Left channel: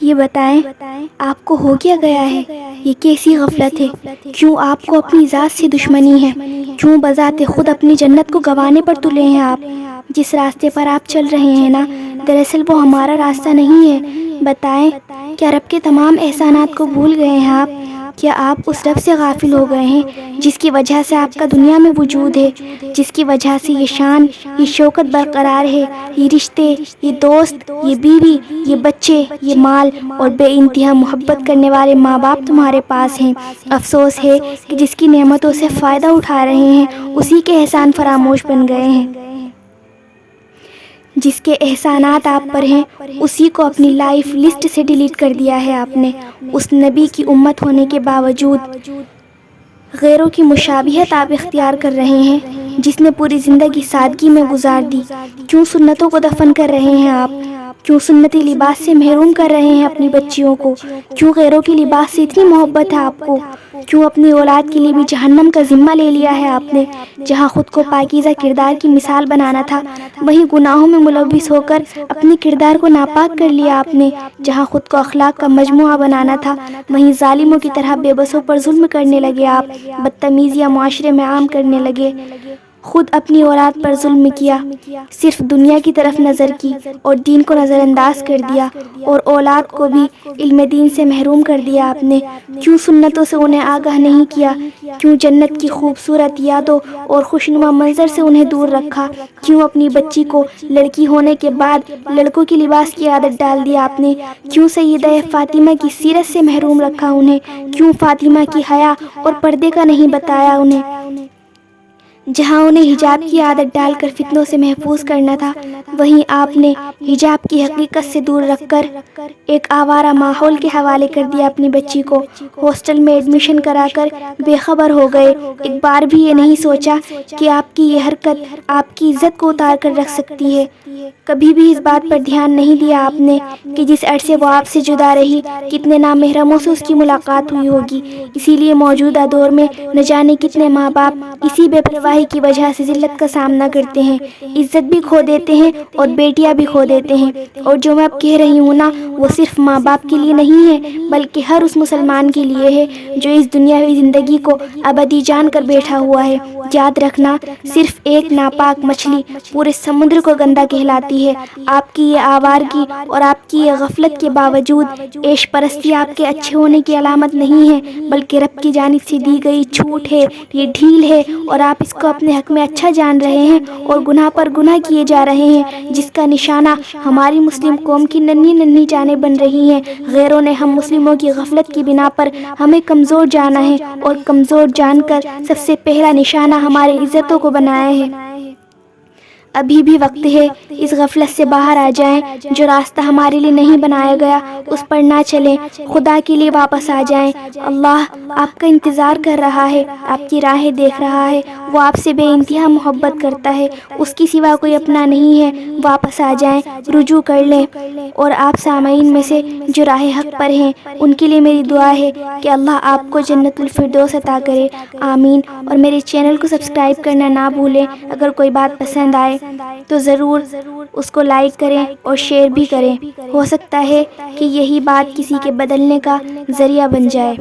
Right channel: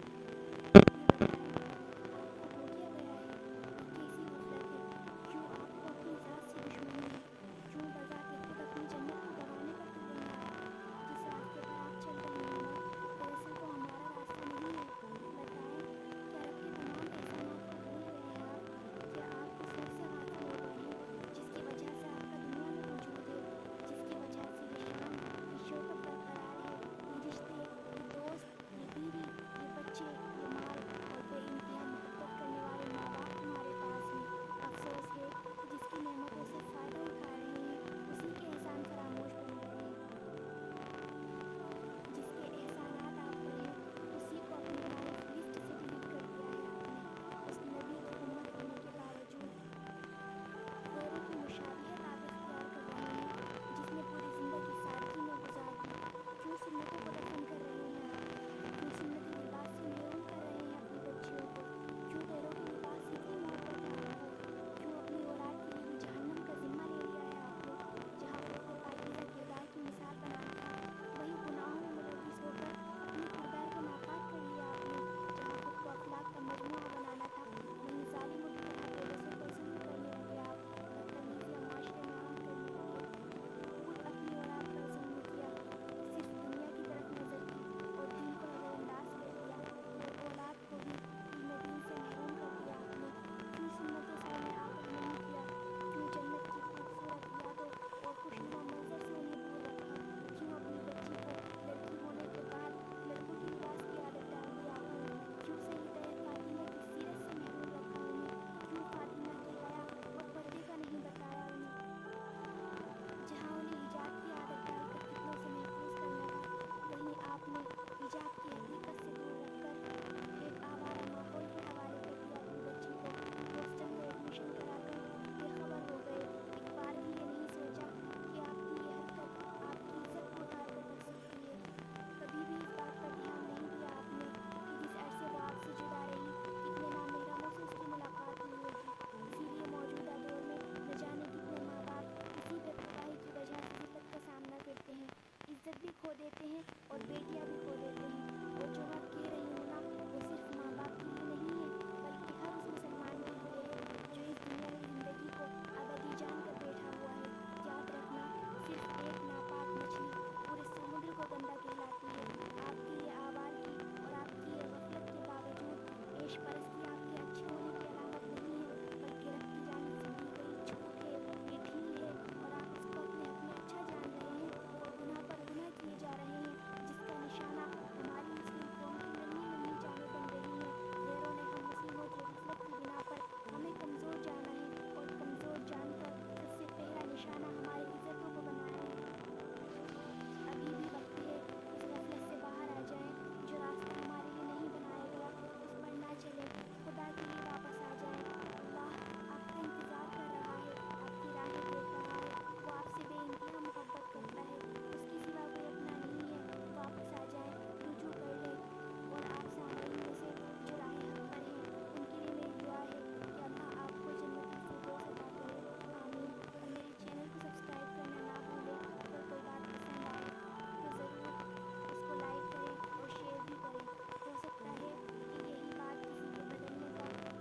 یہ بتائیں آپ کو ہو کیا گیا ہے؟ یہ کیسی غفلت ہے؟ کیوں آپ کو اپنی ذات سے دشمنی ہے؟ کیوں بذات خود اپنی جنت کو گنوانے پر تلے ہیں آپ؟ جس راستے پر آپ چل رہے ہیں نا، دراصل وہ ہمارا راستہ نہیں ہے۔ بتائیں، کیا رب کے تمام احسانات کو بھول گئے ہیں آپ؟ کیا آپ اس رب سے غافل ہو گئے ہیں جس کی وجہ سے آپ کا دنیا میں وجود ہے، جس کی وجہ سے یہ شان، یہ شوکت برقرار ہے، یہ رشتے، یہ دوست، یہ بیوی، یہ بچے، یہ مال اور بے انتہا محبت کرنے والے ماں باپ تمہارے پاس ہیں؟ افسوس ہے کہ جس کی نعمتوں سے فائدہ اٹھا رہے ہیں اسی کے احسان فراموش بن گئے ہیں۔ جس کے احسانات آپ پر ہیں اسی کو اپنی لائف لسٹ سے ڈیلیٹ کر دیا ہے آپ نے۔ اس نبی کی امت ہونے کے باوجود غیروں کی مشابہت آپ اختیار کر رہے ہیں جس نے پوری زندگی سادگی میں گزار دی۔ کیوں سنتوں کو دفن کر رہے ہیں آپ؟ کیوں سنتی لباس سے محروم کر رہے ہیں اپنی بچیوں کو؟ کیوں غیروں کی لباس سے اتنی محبت ہے آپ کو؟ کیوں اپنی اولاد کے لیے بھی جہنم کا ذمہ لے لیا ہے آپ نے؟ جہاں خود کو پاکیزہ کردار کی مثال بنانا تھا وہیں گناہوں میں ملوث ہو کر اپنے کردار کو ناپاک کر لیا آپ نے۔ جہاں خود کو اخلاق کا مجموعہ بنانا تھا وہیں ظالموں کی طرح بے بسوں پر ظلم کرنے لگے آپ، بدتمیزیاں معاشرے میں عام کرنے لگے، خود اپنی اولاد پر ظلم کیا، صرف دنیا کی طرف نظر کی اور دین کو نظر انداز کر دیا، اور اولاد کو بھی علم دین سے محروم کر دیا آپ نے۔ کیوں سنتوں سے انہیں آگاہ نہیں کیا؟ کیوں جنت کی خوبصورت یادوں اور خوشنما منظر سے انہیں دور رکھا؟ کیوں اپنی بچی کو لڑکی ہونے کے بعد لڑکوں کی لباس کی عادت ڈال دی آپ نے؟ کیوں سیدہ فاطمہ کی سیرت سے محروم رکھا انہیں؟ کیوں فاطمہ کی حیا اور پردے کا نہیں بتایا انہیں؟ جہاں انہیں حجاب کی عادت ڈال کر فتنوں سے محفوظ کرنا تھا وہیں آپ نے حجاب کی حقیقت سے دور رکھ کر ایک آوارہ ماحول کے حوالے کر دیا اپنی بچی کو۔ ہاسٹل میں ایڈمیشن کرا کر بے خبر ہو گئے، ایک بار بھی یہ نہیں سوچا کہ آپ کی یہ حرکت آپ کی عزت کو اتار کر رکھ سکتی ہے۔ کبھی بھی اس بات پر دھیان نہیں دیا آپ نے کہ جس عرصے وہ آپ سے جدا رہی کتنے نامحرموں سے اس کی ملاقات ہوئی ہوگی۔ اسی لیے موجودہ دور میں نہ جانے کتنے ماں باپ اسی بے پرواہی کی وجہ سے ذلت کا سامنا کرتے ہیں، عزت بھی کھو دیتے ہیں اور بیٹیاں بھی کھو دیتے ہیں۔ اور جو میں اب کہہ رہی ہوں نا وہ صرف ماں باپ کے لیے نہیں ہے بلکہ ہر اس مسلمان کے لیے ہے جو اس دنیاوی زندگی کو ابدی جان کر بیٹھا ہوا ہے۔ یاد رکھنا، صرف ایک ناپاک مچھلی پورے سمندر کو گندا کہلاتی ہے۔ آپ کی یہ آوارگی اور آپ کی یہ غفلت کے باوجود عیش پرستی آپ کے اچھے ہونے کی علامت نہیں ہے بلکہ رب کی جانب سے دی گئی چھوٹ ہے، یہ ڈھیل ہے اور آپ اس کو اپنے حق میں اچھا جان رہے ہیں اور گناہ پر گناہ کیے جا رہے ہیں جس کا نشانہ ہماری مسلم قوم کی ننھی ننھی جانیں بن رہی ہیں۔ غیروں نے ہم مسلموں کی غفلت کی بنا پر ہمیں کمزور جانا ہے اور کمزور جان کر سب سے پہلا نشانہ ہماری عزتوں کو بنایا ہے۔ ابھی بھی وقت ہے، اس غفلت سے باہر آ جائیں، جو راستہ ہمارے لیے نہیں بنایا گیا اس پر نہ چلیں، خدا کے لیے واپس آ جائیں۔ اللہ آپ کا انتظار کر رہا ہے، آپ کی راہیں دیکھ رہا ہے، وہ آپ سے بے انتہا محبت کرتا ہے، اس کی سوا کوئی اپنا نہیں ہے۔ واپس آ جائیں، رجوع کر لیں۔ اور آپ سامعین میں سے جو راہ حق پر ہیں ان کے لیے میری دعا ہے کہ اللہ آپ کو جنت الفردوس عطا کرے، آمین۔ اور میرے چینل کو سبسکرائب کرنا نہ بھولیں۔ اگر کوئی بات پسند آئے تو ضرور اس کو لائک کریں اور شیئر بھی کریں، ہو سکتا ہے کہ یہی بات کسی کے بدلنے کا ذریعہ بن جائے۔